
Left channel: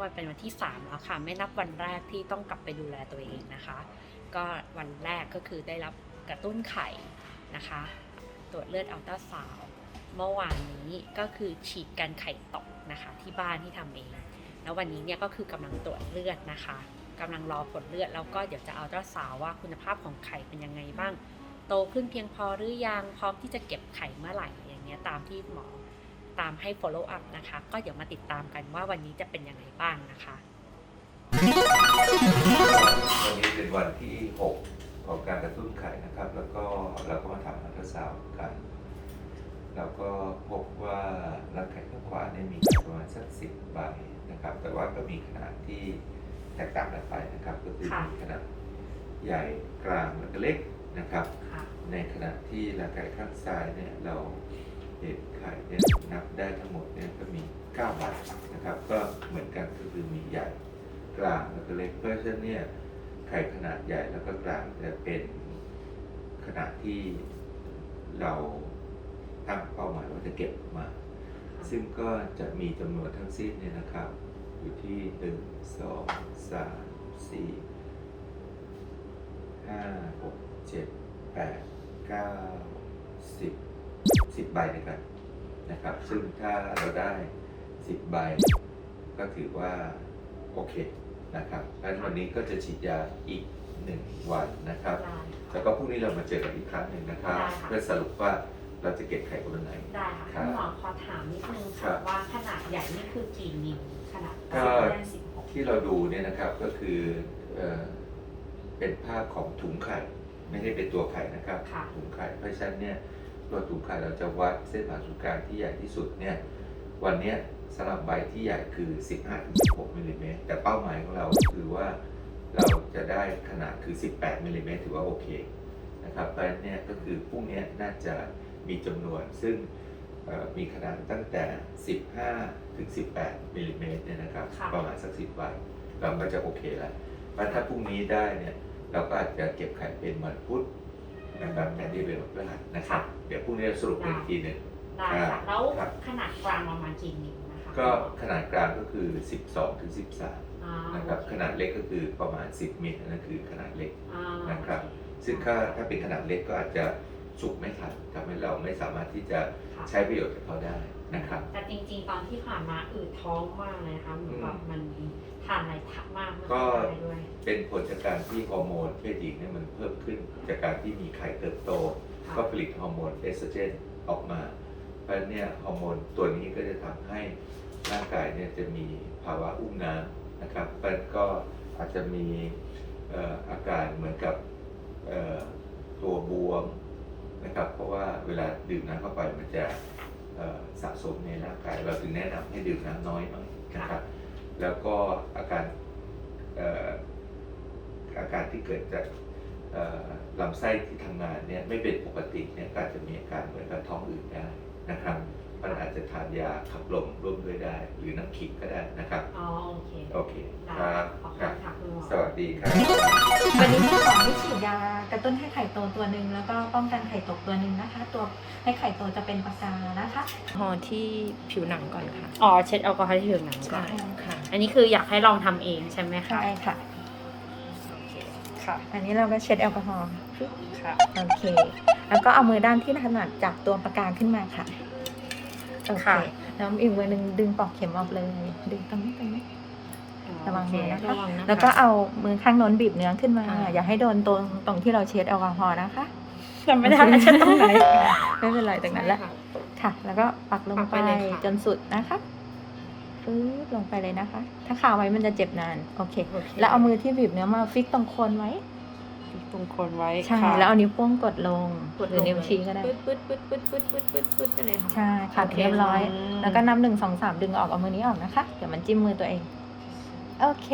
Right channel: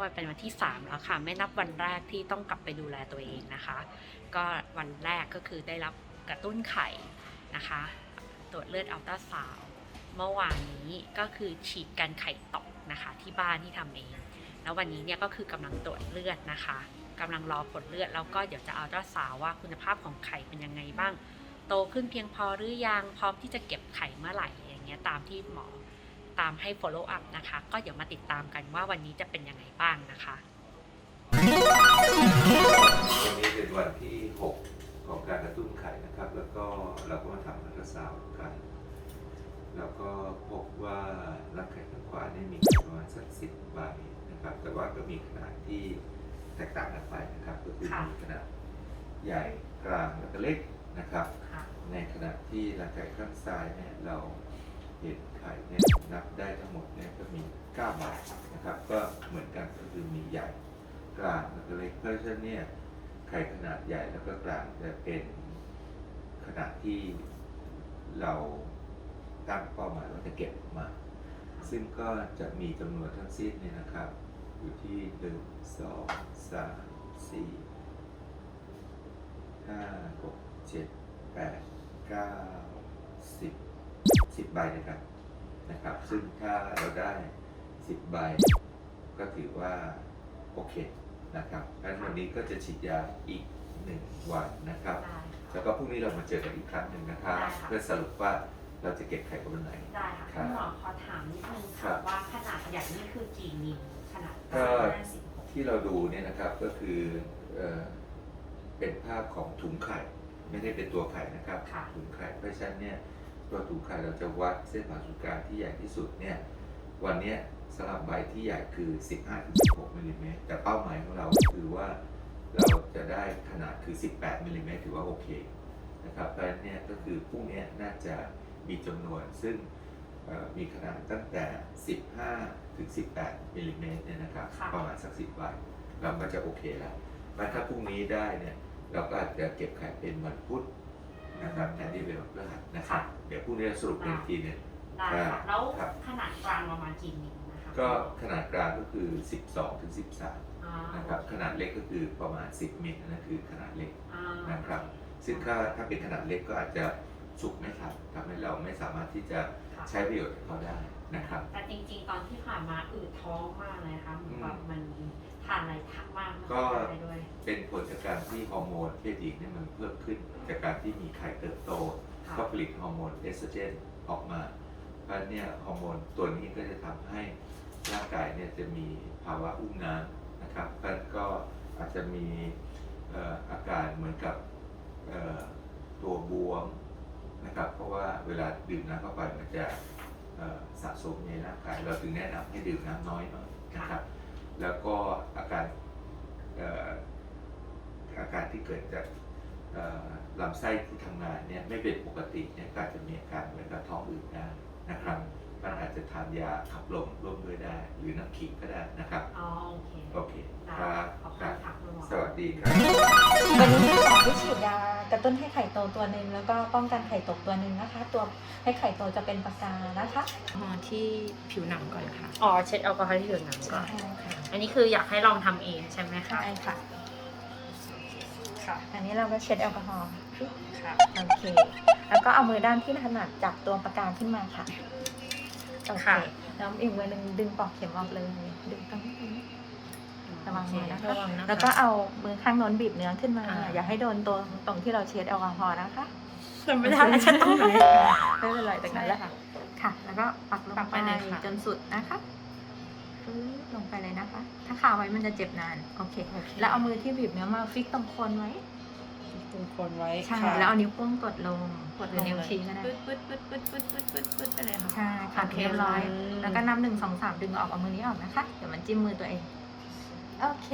วันเป็นวันที่ 3 แล้วค่ะ ไม่นับวันแรกที่ต้องกลับไปดูแลตัวเองนะคะ ก็วันแรกก็คือได้รับกระตุ้นไข่นะคะ ตรวจเลือดอัลตราซาวด์เมื่อวานนี้ก็คือฉีดกันไข่ตกนะคะ ที่บ้านที่ทำเอง แล้ววันนี้เนี่ยก็คือกำลังตรวจเลือดนะคะกำลังรอผลเลือดแล้วก็เดี๋ยวจะอัลตราซาวว่าคุณภาพของไข่เป็นยังไงบ้าง โตขึ้นเพียงพอหรือยังพร้อมที่จะเก็บไข่เมื่อไหร่อย่างเงี้ยตามที่หมอ ตามให้ follow up นะคะ ก็เดี๋ยวมาติดตามกันว่าวันนี้จะเป็นยังไงบ้างนะคะวันนี้เป็นวันที่ 6 ของการกระตุ้นไข่นะครับ แล้วก็เราก็มาทำอัลตราซาวด์กัน แล้วก็พบว่ารักไข่ข้างขวาเนี่ยมีประมาณสักสิบใบนะครับ แต่ว่าก็มีขนาดที่แตกต่างกันไปนะครับ ก็คือค่ะมีขนาดใหญ่กลางแล้วก็เล็กนะครับค่ะในในขณะที่รังไก่ข้างซ้ายเนี่ยเราเห็น ไข่เนี่ยนับได้ทั้งหมดเนี่ยก็มี9ใบนะครับก็เหมือนกันก็คือมีใหญ่กลางแล้วก็เล็กเพราะฉะนั้นเนี่ยไข่ขนาดใหญ่แล้วก็กลางจะเป็นขนาดที่เราตั้งเป้าหมายว่าจะเก็บมา ซึ่งก็จะมีจำนวนทั้งสิ้นเนี่ยนะครับ อยู่ที่หนึ่งสองสามสี่ห้าหกเจ็ดแปดเก้าสิบสิบใบด้วยกัน นะครับ ซึ่งถ้าเราได้สิบใบ ก็ถือว่า โอเคนะครับดังนั้นวันนี้ก็จะฉีดยาอีกหนึ่งวันนะครับ แล้วก็พรุ่งนี้เรามาเจอกันอีกครั้งหนึ่งนะครับ ได้ค่ะ เพื่อสรุปว่าเราจะเก็บไข่คนละไหน ได้ค่ะครับคุณหมอขอถามนิดนึงครัค่ะบ ว่าขนาดใหญ่นี่คือกี่มิลขนาดก็สิบหกที่เราดูเนี่ยนะครับก็คือเอ่อเป็นภาพของถุงไข่ ไม่ได้เป็นตัวไข่นะครับ ค่ะถุงไข่เพราะฉะนั้นเนี่ย ตัวถุงไข่เราจะวัดเส้นผ่าศูนย์กลางที่ใหญ่ที่สุดเนี่ยวันเนี้ยสำหรับใบที่ใหญ่คือ 15-16มิลลิเมตรแต่เป้าหมายของเราก็คือว่าเราจะได้ขนาดคือ 18มิลลิเมตรถือว่าโอเคนะครับเพราะฉะนั้นเนี่ยก็คือพรุ่งเนี้ยน่าจะมีจำนวนซึ่งเอ่อมีขนาดตั้งแต่ 15 ถึง 18มิลลิเมตรเนี่ยนะครับค่ะประมาณสัก 10ใบเราก็จะโอเคแล้วเพราะถ้าพรุ่งนี้ได้เนี่ยเราก็อาจจะเก็บไข่เป็นวันพุธ นะครับแทนที่เป็นวันพฤหัสนะครับ เดี๋ยวพรุ่งนี้สรุปอีกทีหนึ่ง ได้ครัค่ะบแล้วครับ ขนาดกลางประมาณกี่มิลนะคะก็ขนาดกลางก็คือ 12ถึง13อ่านะครับขนาดเล็กก็คือประมาณ 10มิลนั่นคือขนาดเล็ก อ่านะครับ ซึ่งถ้าถ้าเป็นขนาดเล็กก็อาจจะสุกไม่ทันทำให้เราไม่สามารถที่จะค่ะใช้ประโยชน์จากเขาได้นะครับ แต่จริงๆ ตอนที่ผ่านมาอืดท้องมากเลยนะคะเหมือนแบบมัน ทานอะไรทักมากไม่ก็ค่อยได้ด้วยเป็นผลจากการที่ฮอร์โมนเพศหญิงเนี่ยมันเพิ่มขึ้นจากการที่มีไข่เติบโตค่ะก็ผลิตฮอร์โมนเอสโตรเจนออกมาเพราะฉะนั้นเนี่ยฮอร์โมนตัวนี้ก็จะทำให้ร่างกายเนี่ยจะมีภาวะอุ้มน้ำนะครับเพราะฉะนั้นก็อาจจะมีเอ่ออาการเหมือนกับเอ่อตัวบวมนะครับเพราะว่าเวลาดื่มน้ำเข้าไปมันจะเอ่อสะสมในร่างกาย เราถึงแนะนำให้ดื่มน้ำน้อยหน่อยนะครับ แล้วก็อาการอาการที่เกิดจากลำไส้ที่ทำงานเนี่ยไม่เป็นปกติเนี่ยก็อาจจะมีอาการเหมือนกับท้องอืดได้นะครับ มันอาจจะทานยาขับลมร่วมด้วยได้ หรือน้ำขิงก็ได้นะครับ อ๋อโอเคโอเคได้ครับขอบคคุรับณค่ะคุณหมอสวัสดีครับ วันนี้มีของที่ฉีดยากระตุ้นให้ไข่โตตัวหนึ่งแล้วก็ป้องกันไข่ตกตัวหนึ่งนะคะ ตัวให้ไข่โตจะเป็นปากกานะคะ พอที่ผิวหนังก่อนค่ะ อ๋อเช็ดแอลกอฮอล์ที่ผิวหนังใช่ค่ะ อันนี้คืออยากให้ลองทำเองใช่ไหมคะใช่ค่ะ ค่ะอันนี้เราก็เช็ดแอลกอฮอล์ค่ะ โอเค แล้วก็เอามือด้านที่ถนัดจับตัวปากกาขึ้นมาค่ะ โอเคค่ะแล้วอีกมือหนึ่งดึงปลอกเข็มออกเลย ดึงตรงนี้ตรงนี้ ระวังมือนะคะ ระวังนะคะ แล้วก็เอามือข้างโน้นบีบเนื้อขึ้นมา อ่า อย่าให้โดนตรงตรงที่เราเช็ดแอลกอฮอล์นะคะจำไม่ได้แล้วเช็ดตรงไหน ไม่เป็นไรตรงนั้นแหละค่ะ ค่ะ แล้วก็ปักลงปักไปไปเลยค่ะ จนสุดนะคะปึ๊บลงไปเลยนะคะ ถ้าคาไว้มันจะเจ็บนาน โอเค โอเคแล้วเอามือที่บีบเนื้อมาฟิกตรงโคนไว้ ตรงคนไว้ใช่ค่ะแล้วเอานิ้วโป้งกดลงกดหลรืองนิ้วเลยชี้ก็ได้ปึ๊ดปึ๊ดปึ๊ดปึ๊ดปึ๊ดปึ๊ดปึ๊ดปึ๊ดไปเลยค่ะ ใช่ค่ะโอเคเรียบร้อย อืม แล้วก็นับหนึ่งสองสามดึงออกเอามือนี้ออกนะคะ เดี๋ยวมันจิ้มมือตัวเอง โอเค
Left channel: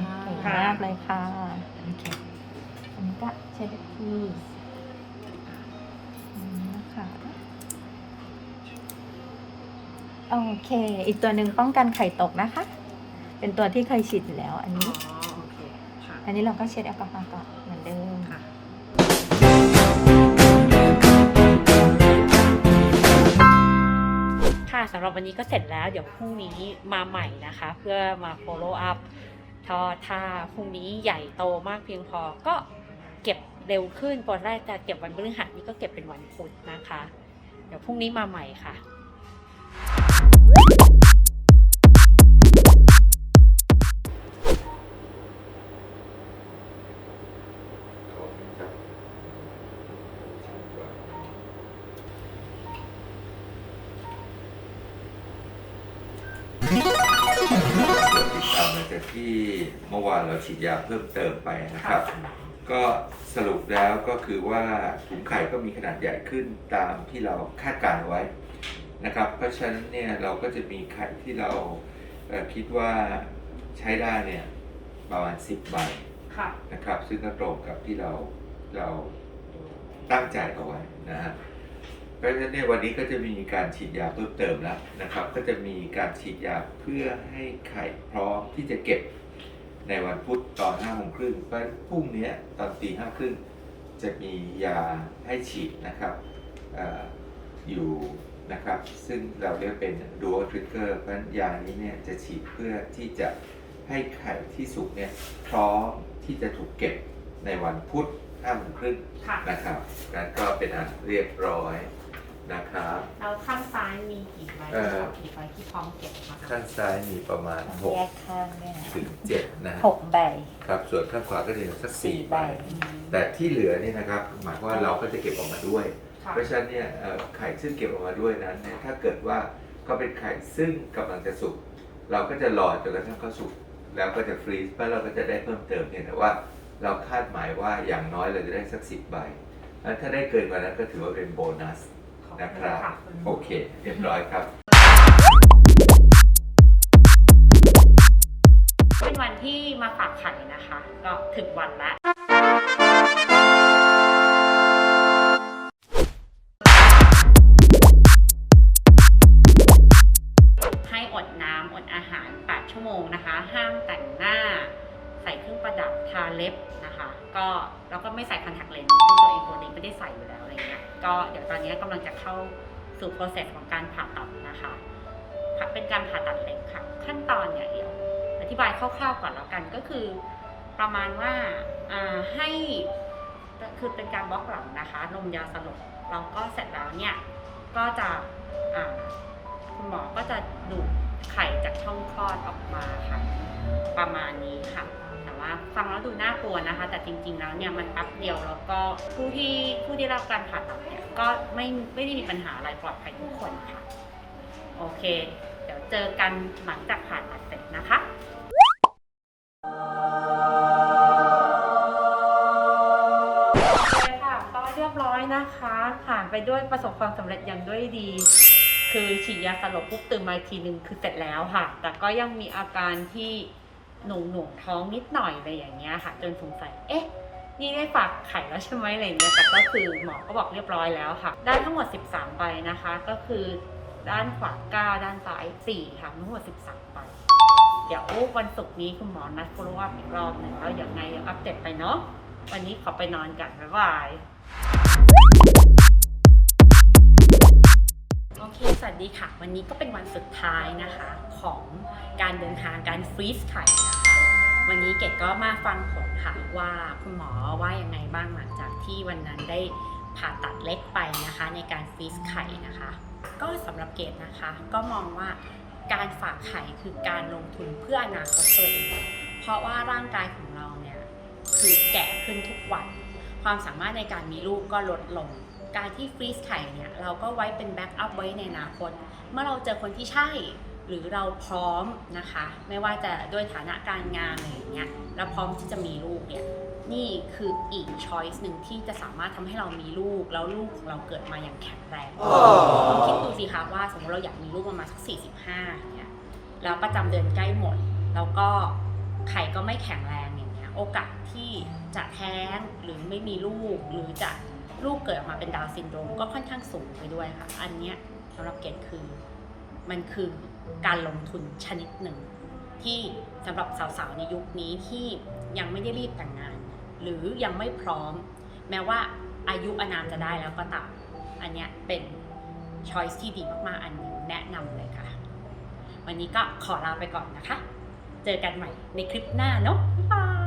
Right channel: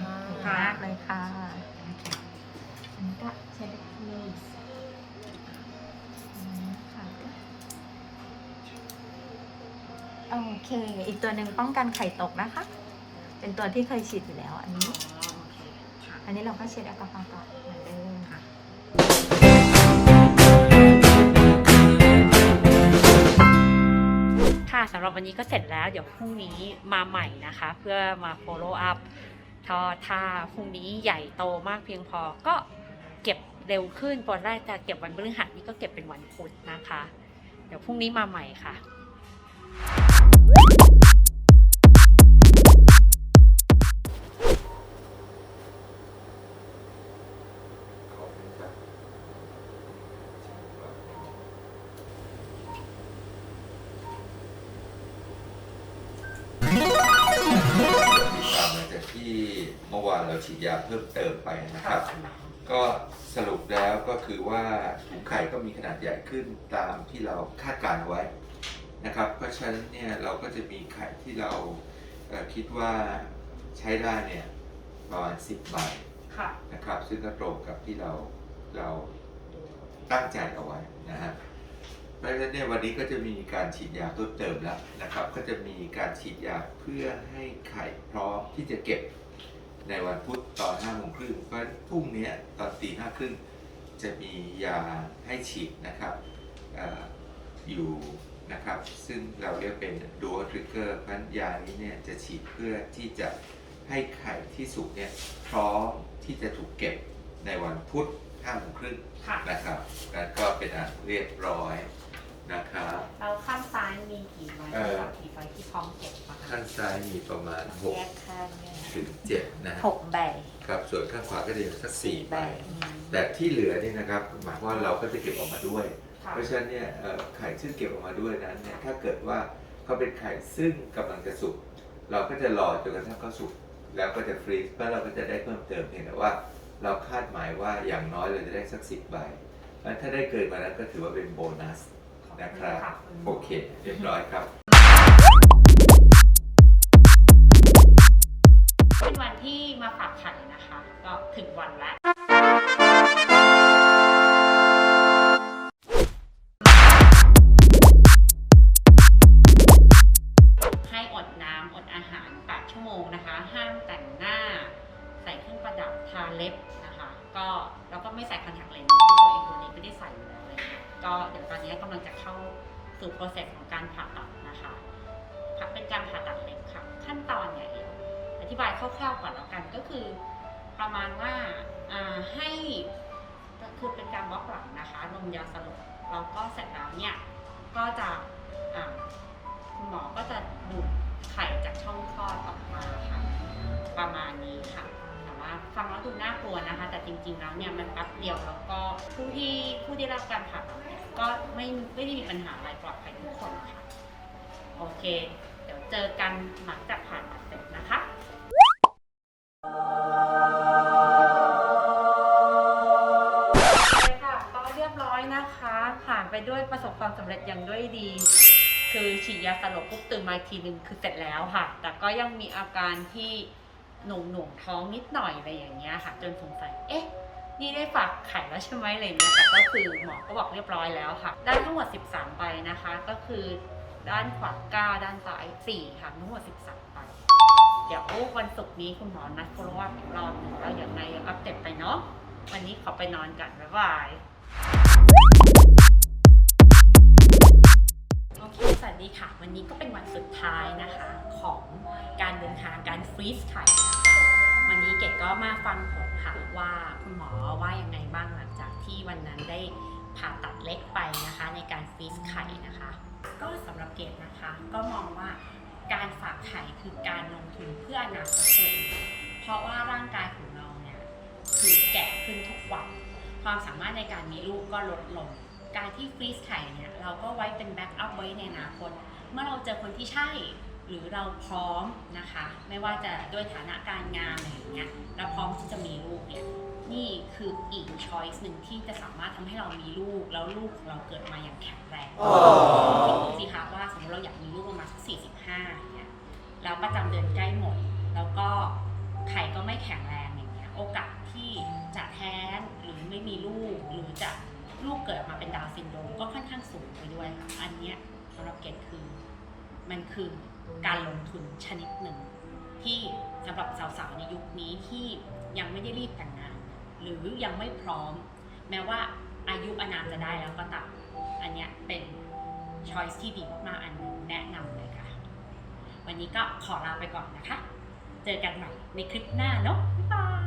ค่ะเก่งมากเลยค่ะโอเคอันนี้ก็เช็ดอีกทีอันนี้ค่ะโอเค อีกตัวหนึ่งป้องกันไข่ตกนะคะ เป็นตัวที่เคยฉีดอยู่แล้วอันอ๋อนี้ โอเคค่ะอันนี้เราก็เช็ดแอลกอฮอล์ก่อน สำหรับวันนี้ก็เสร็จแล้วเดี๋ยวพรุ่งนี้มาใหม่นะคะ เพื่อมา follow up ถ้าถ้าพรุ่งนี้ใหญ่โตมากเพียงพอก็เก็บเร็วขึ้นตอนแรกจะเก็บวันพฤหัสนี้ก็เก็บเป็นวันพุธนะคะ เดี๋ยวพรุ่งนี้มาใหม่ค่ะ ที่เมื่อวานเราฉีดยาเพิ่มเติมไปนะครับ ก็สรุปแล้วก็คือว่าถุงไข่ก็มีขนาดใหญ่ขึ้นตามที่เราคาดการณ์ไว้นะครับ เพราะฉะนั้นเนี่ยเราก็จะมีไข่ที่เราเอ่อคิดว่าใช้ได้เนี่ยประมาณ 10ใบค่ะนะครับ ซึ่งก็ตรงกับที่เราเราตั้งใจเอาไว้นะฮะเพ ราะฉะนั้นเนี่ยวันนี้ก็จะมีการฉีดยาเพิ่มเติมแล้วนะครับ ก็จะมีการฉีดยาเพื่อให้ไข่พร้อมที่จะเก็บในวันพุธตอนห้าโมงครึ่งเพราะฉะนั้นพรุ่งนี้ตอนตีห้าครึ่งจะมียาให้ฉีดนะครับเอออยู่นะครับ ซึ่งเราเรียกเป็น dual trigger เพราะฉะนั้นยานี้เนี่ยจะฉีดเพื่อที่จะให้ไข่ที่สุกเนี่ยพร้อมที่จะถูกเก็บในวันพุธห้าโมงครึ่งค่ะนะครับนั้นก็เป็นอันเรียบร้อย นะครับแล้วข้างซ้ายมีกี่ใบเอ่อ กี่ใบที่พร้อมเก็บนะคะข้างซ้ายมีประมาณแยกข้างเนี่ยนะ6ถึง7นะหกใบครับส่วนข้างขวาก็จะเหลือสักสี่ใบ ใบแต่ที่เหลือเนี่ยนะครับหมายความว่าเราก็จะเก็บออกมาด้วย ค่ะเพราะฉะนั้นเนี่ยเอ่อไข่ซึ่งเก็บออกมาด้วยนั้นเนี่ยถ้าเกิดว่าเขาเป็นไข่ซึ่งกำลังจะสุกเราก็จะรอจนกระทั่งเขาสุกแล้วก็จะฟรีซแล้วเราก็จะได้เพิ่มเติมเพียงแต่ว่า เราคาดหมายว่าอย่างน้อยเราจะได้สักสิบใบแล้วถ้าได้เกินกว่านั้นก็ถือว่าเป็นโบนัส นะครับโอเค เรียบร้อยครับ เป็นวันที่มาฝากไข่นะคะ ก็ถึงวันแล้วให้อดน้ำอดอาหาร 8 ชั่วโมงนะคะ ห้ามแต่งหน้าใส่ เครื่องประดับทาเล็บนะคะ ก็แล้วก็ไม่ใส่คอนแทคเลนส์ซึ่งตัวเองตัวนี้ไม่ได้ใส่อยู่แล้วอะไรเงี้ยก็เดี๋ยวตอนนี้กำลังจะเข้าสู่โปรเซสของการผ่าตัดนะคะเป็นการผ่าตัดเล็กค่ะ ขั้นตอนเนี่ยเดี๋ยว อธิบายคร่าวๆก่อนแล้วกันก็คือประมาณว่าให้คือเป็นการบล็อกหลังนะคะนมยาสลบแล้วก็เสร็จแล้วเนี่ยก็จะคุณหมอก็จะดูดไข่จากช่องคลอดออกมาค่ะ ประมาณนี้ค่ะ ว่าฟังแล้วดูน่ากลัวนะคะ แต่จริง ๆ แล้วเนี่ยมันแป๊บเดียวแล้วก็ผู้ที่ผู้ที่รับการผ่าตัดเนี่ยก็ไม่ไม่ได้มีปัญหาอะไรปลอดภัยทุกคนค่ะ โอเค เดี๋ยวเจอกันหลังจากผ่าตัดเสร็จนะคะโอเคค่ะก็เรียบร้อยนะคะ ผ่านไปด้วยประสบความสำเร็จอย่างด้วยดี คือฉีดยาสลบปุ๊บตื่นมาทีหนึ่งคือเสร็จแล้วค่ะ แต่ก็ยังมีอาการที่ หน่วงหน่วงท้องนิดหน่อยอะไรอย่างเงี้ยค่ะ จนสงสัย เอ๊ะ นี่ได้ฝากไข่แล้วใช่ไหมอะไรเงี้ย แต่ก็คือหมอก็บอกเรียบร้อยแล้วค่ะ ได้ทั้งหมด 13ใบนะคะ ก็คือด้านขวา9ด้านซ้าย4ค่ะ ทั้งหมด 13ใบเดี๋ยววันศุกร์นี้คุณหมอนัด follow up อีกรอบหนึ่งแล้วยังไงเดี๋ยวอัปเดตไปเนาะ วันนี้ขอไปนอนกันบ๊ายบาย โอเค สวัสดีค่ะ วันนี้ก็เป็นวันสุดท้ายนะคะของการเดินทางการฟรีซไข่นะคะวันนี้เกดก็มาฟังผลค่ะว่าคุณหมอว่ายังไงบ้างหลังจากที่วันนั้นได้ผ่าตัดเล็กไปนะคะในการฟรีซไข่นะคะ ก็สำหรับเกดนะคะ ก็มองว่าการฝากไข่คือการลงทุนเพื่ออนาคตตัวเอง เพราะว่าร่างกายของเราเนี่ยคือแก่ขึ้นทุกวัน ความสามารถในการมีลูกก็ลดลง การที่ฟรีซไข่เนี่ยเราก็ไว้เป็นแบ็กอัพไว้ในอนาคต เมื่อเราเจอคนที่ใช่หรือเราพร้อมนะคะ ไม่ว่าจะด้วยฐานะการงานอะไรอย่างเงี้ยเราพร้อมที่จะมีลูกเนี่ยนี่คืออีกช้อยส์หนึ่งที่จะสามารถทำให้เรามีลูก แล้วลูกของเราเกิดมาอย่างแข็งแรงคิดดูสิคะว่าสมมติเราอยากมีลูกประมาณสัก45อย่างเงี้ยแล้วประจำเดือนใกล้หมด แล้วก็ไข่ก็ไม่แข็งแรงอย่างเงี้ยโอกาสที่จะแท้งหรือไม่มีลูกหรือจะ ลูกเกิดออกมาเป็นดาวซินโดรมก็ค่อนข้างสูงไปด้วยค่ะ อันเนี้ยสำหรับเกดคือมันคือการลงทุนชนิดหนึ่ง ที่สำหรับสาวๆในยุคนี้ที่ยังไม่ได้รีบแต่งงาน หรือยังไม่พร้อม แม้ว่าอายุอานามจะได้แล้วก็ตามอันเนี้ยเป็นช้อยส์ที่ดีมากๆ อันหนึ่งแนะนำเลยค่ะ วันนี้ก็ขอลาไปก่อนนะคะ เจอกันใหม่ในคลิปหน้าเนาะบ๊ายบาย